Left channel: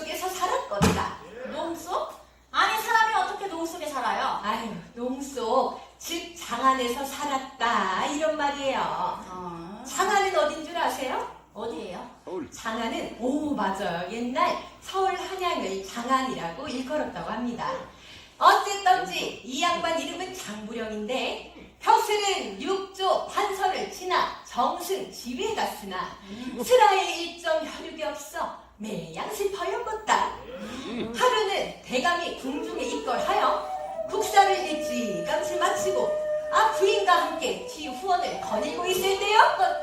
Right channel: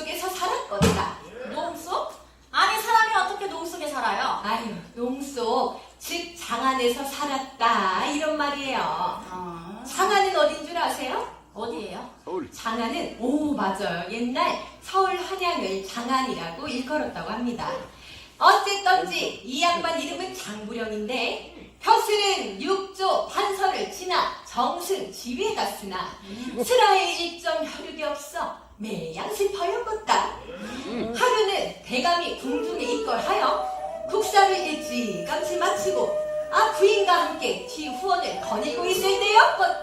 속에서 살았거다. 농속? 아니 사람이 어떻게 농속에 살아요? 아유 농속 즉 장 안에서 살았다 이런 말이에요. 아, 장안은 어딘 줄 아세요? 어디예요? 장안은 오 맞아요 옛날 서울 한양을 장안이라고 일컬었다고 합니다. 어쨌든지 이 양반 이름은 장부령인데 벼슬은 육조 판서를 지나 정승 지휘에 갔으나 슬하에 일정 혈육이 없어 매양 슬퍼였겠다. 하루는 대감이 궁중에 입걸하여 국사를 일찌감치 마치고 아 부인과 함께 뒤후원을 거닐고 있을 때였겠다.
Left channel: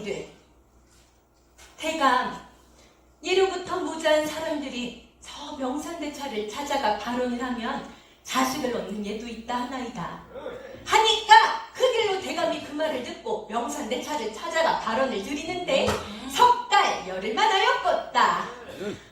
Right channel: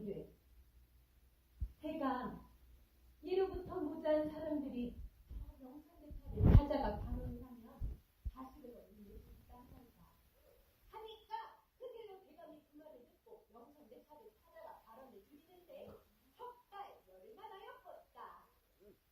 청하기를 대감 예로부터 무자한 사람들이 저 명산대차를 찾아가 발언을 하면 자식을 얻는 예도 있다 하나이다. 하니까 그 길로 대감이 그 말을 듣고 명산대차를 찾아가 발언을 드리는데 석 달 열흘만 하였겠다. 비나이다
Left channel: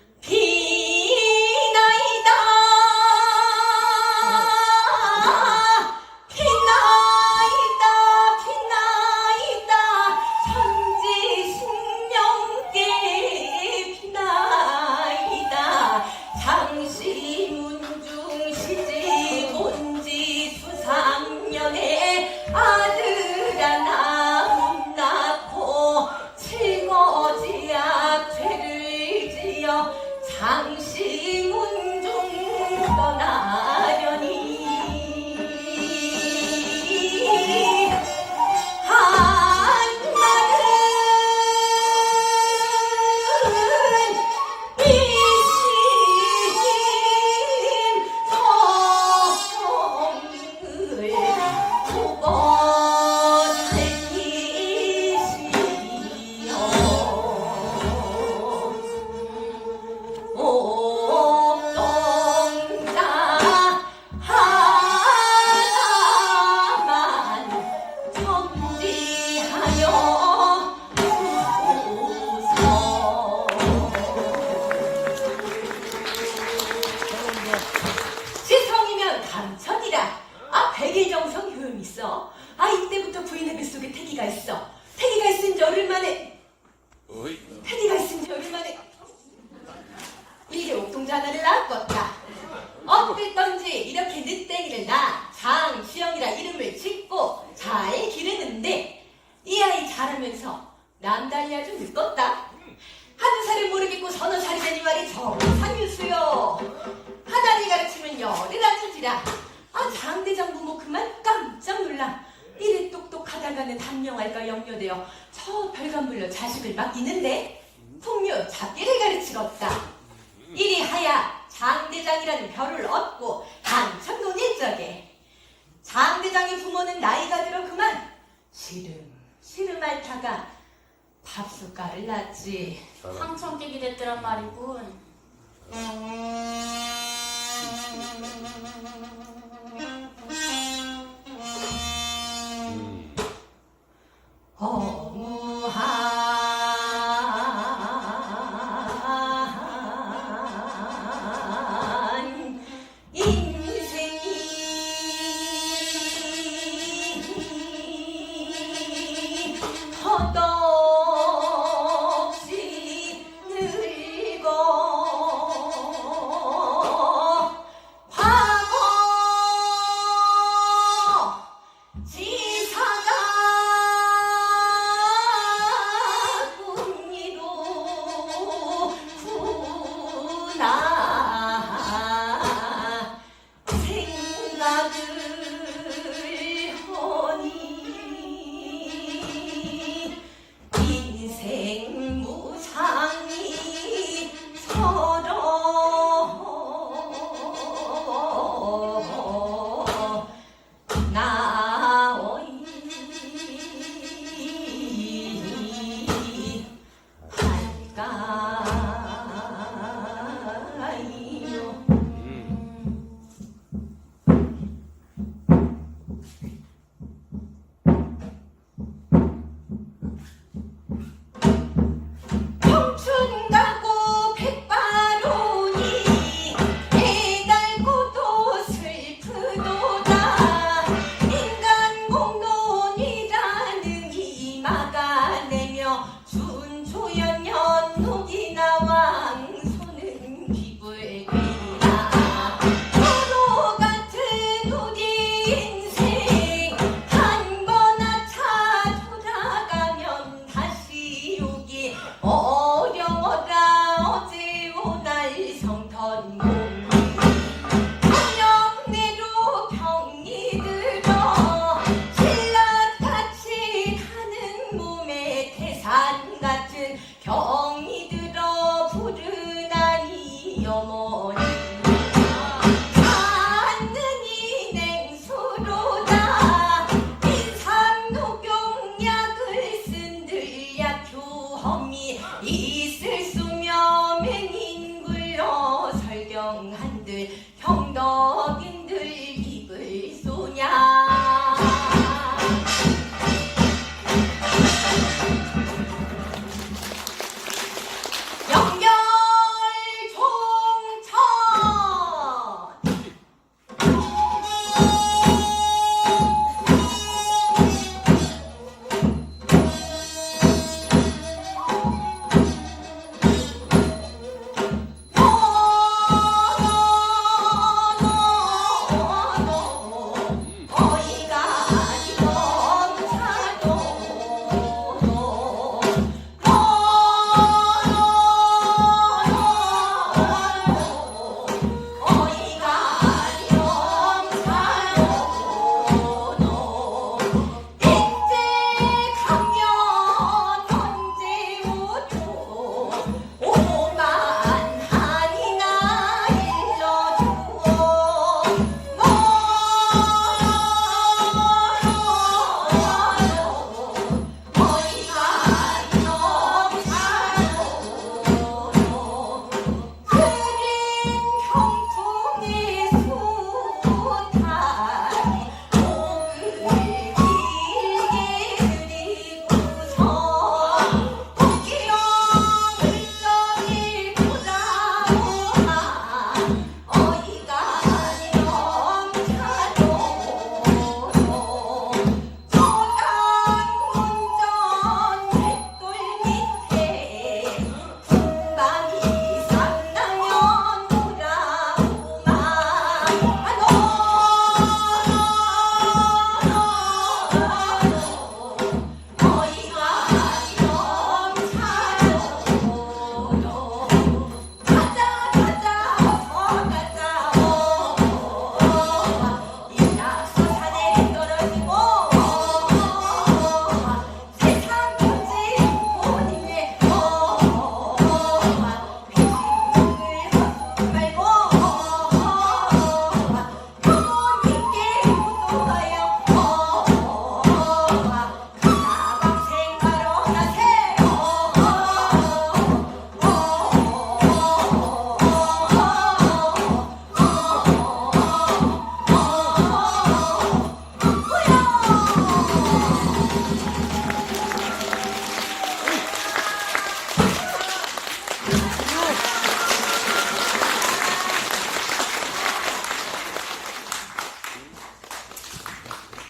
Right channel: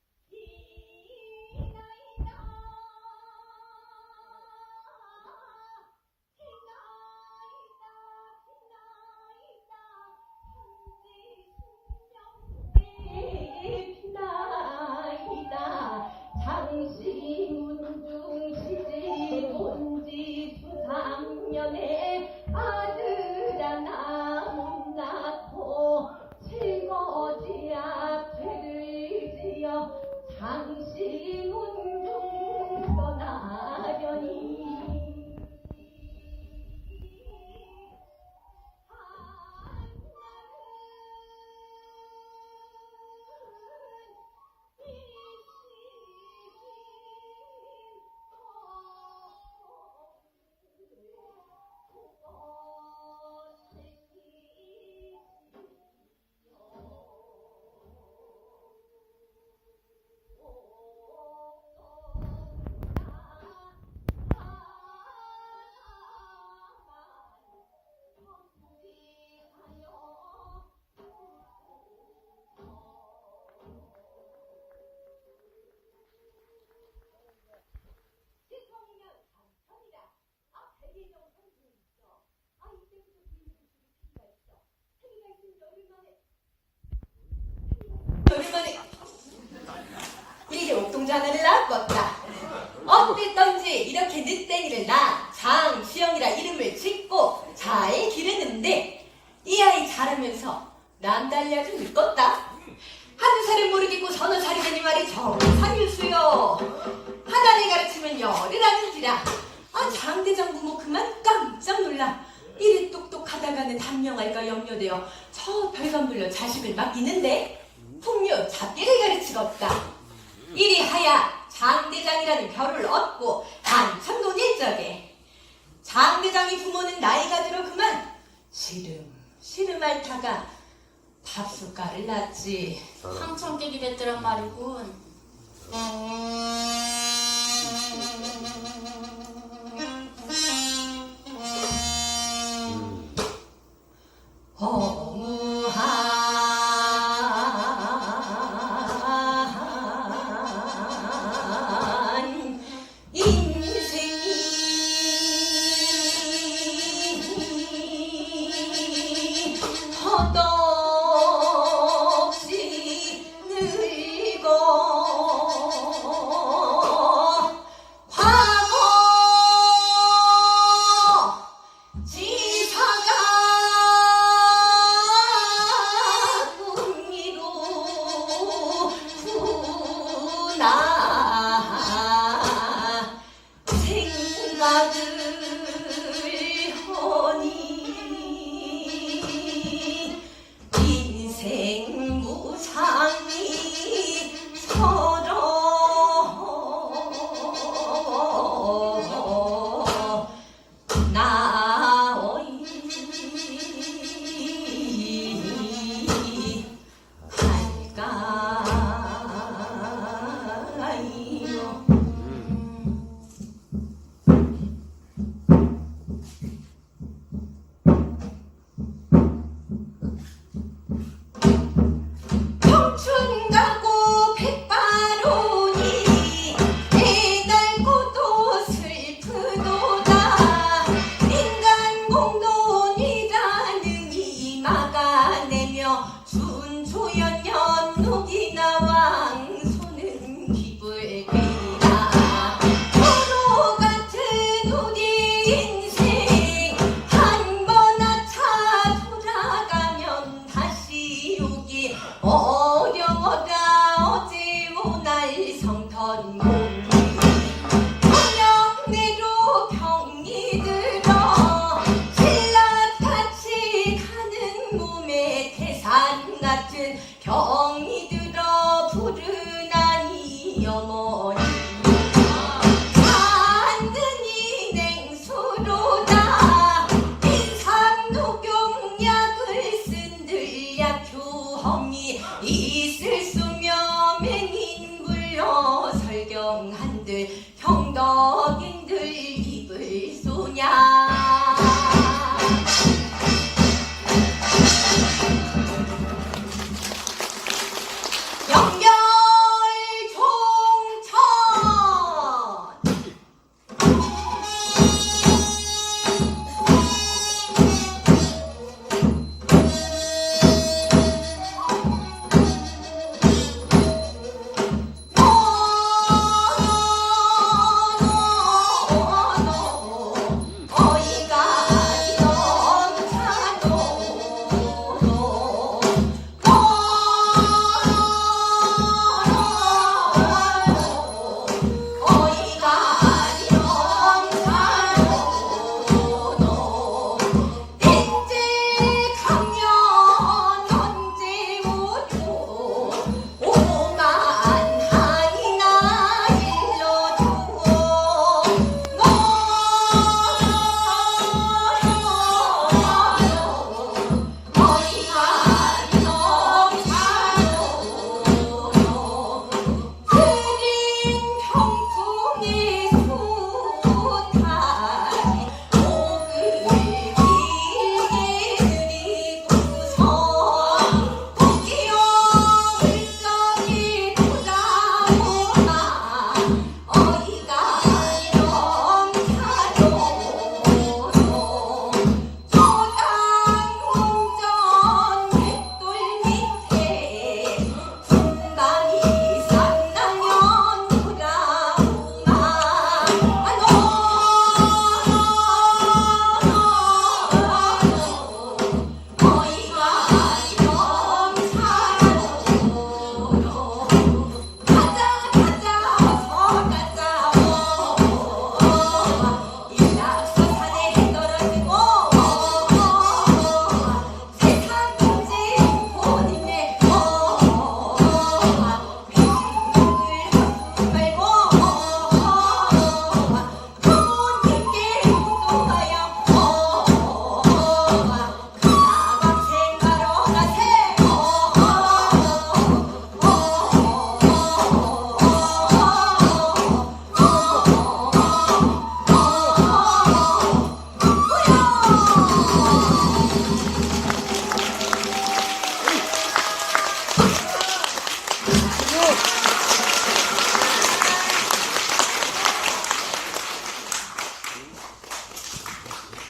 이 아이 자라면서 남달리 아주 늙었다. 하는 살을 모르겠고 서너 살이 되니 말이 정상유수요. 하나를 가르치면 열을 아는지라. 아 장대장 부모 그만 깜짝 놀라. 이리 똑똑하다가는 단명할까 염려되어 저 별관불로 자식을 맡기는데 풍류 잡기를 가르치겠다. 이리 하야 장대장이라는 별을 얻고 한참 논 일적에. 장대장의 부모는 나이가 들어 그만 시름 시름 앓다가 밥숟가를 낳지. 황천 깨기 됐더란 말이군. 나는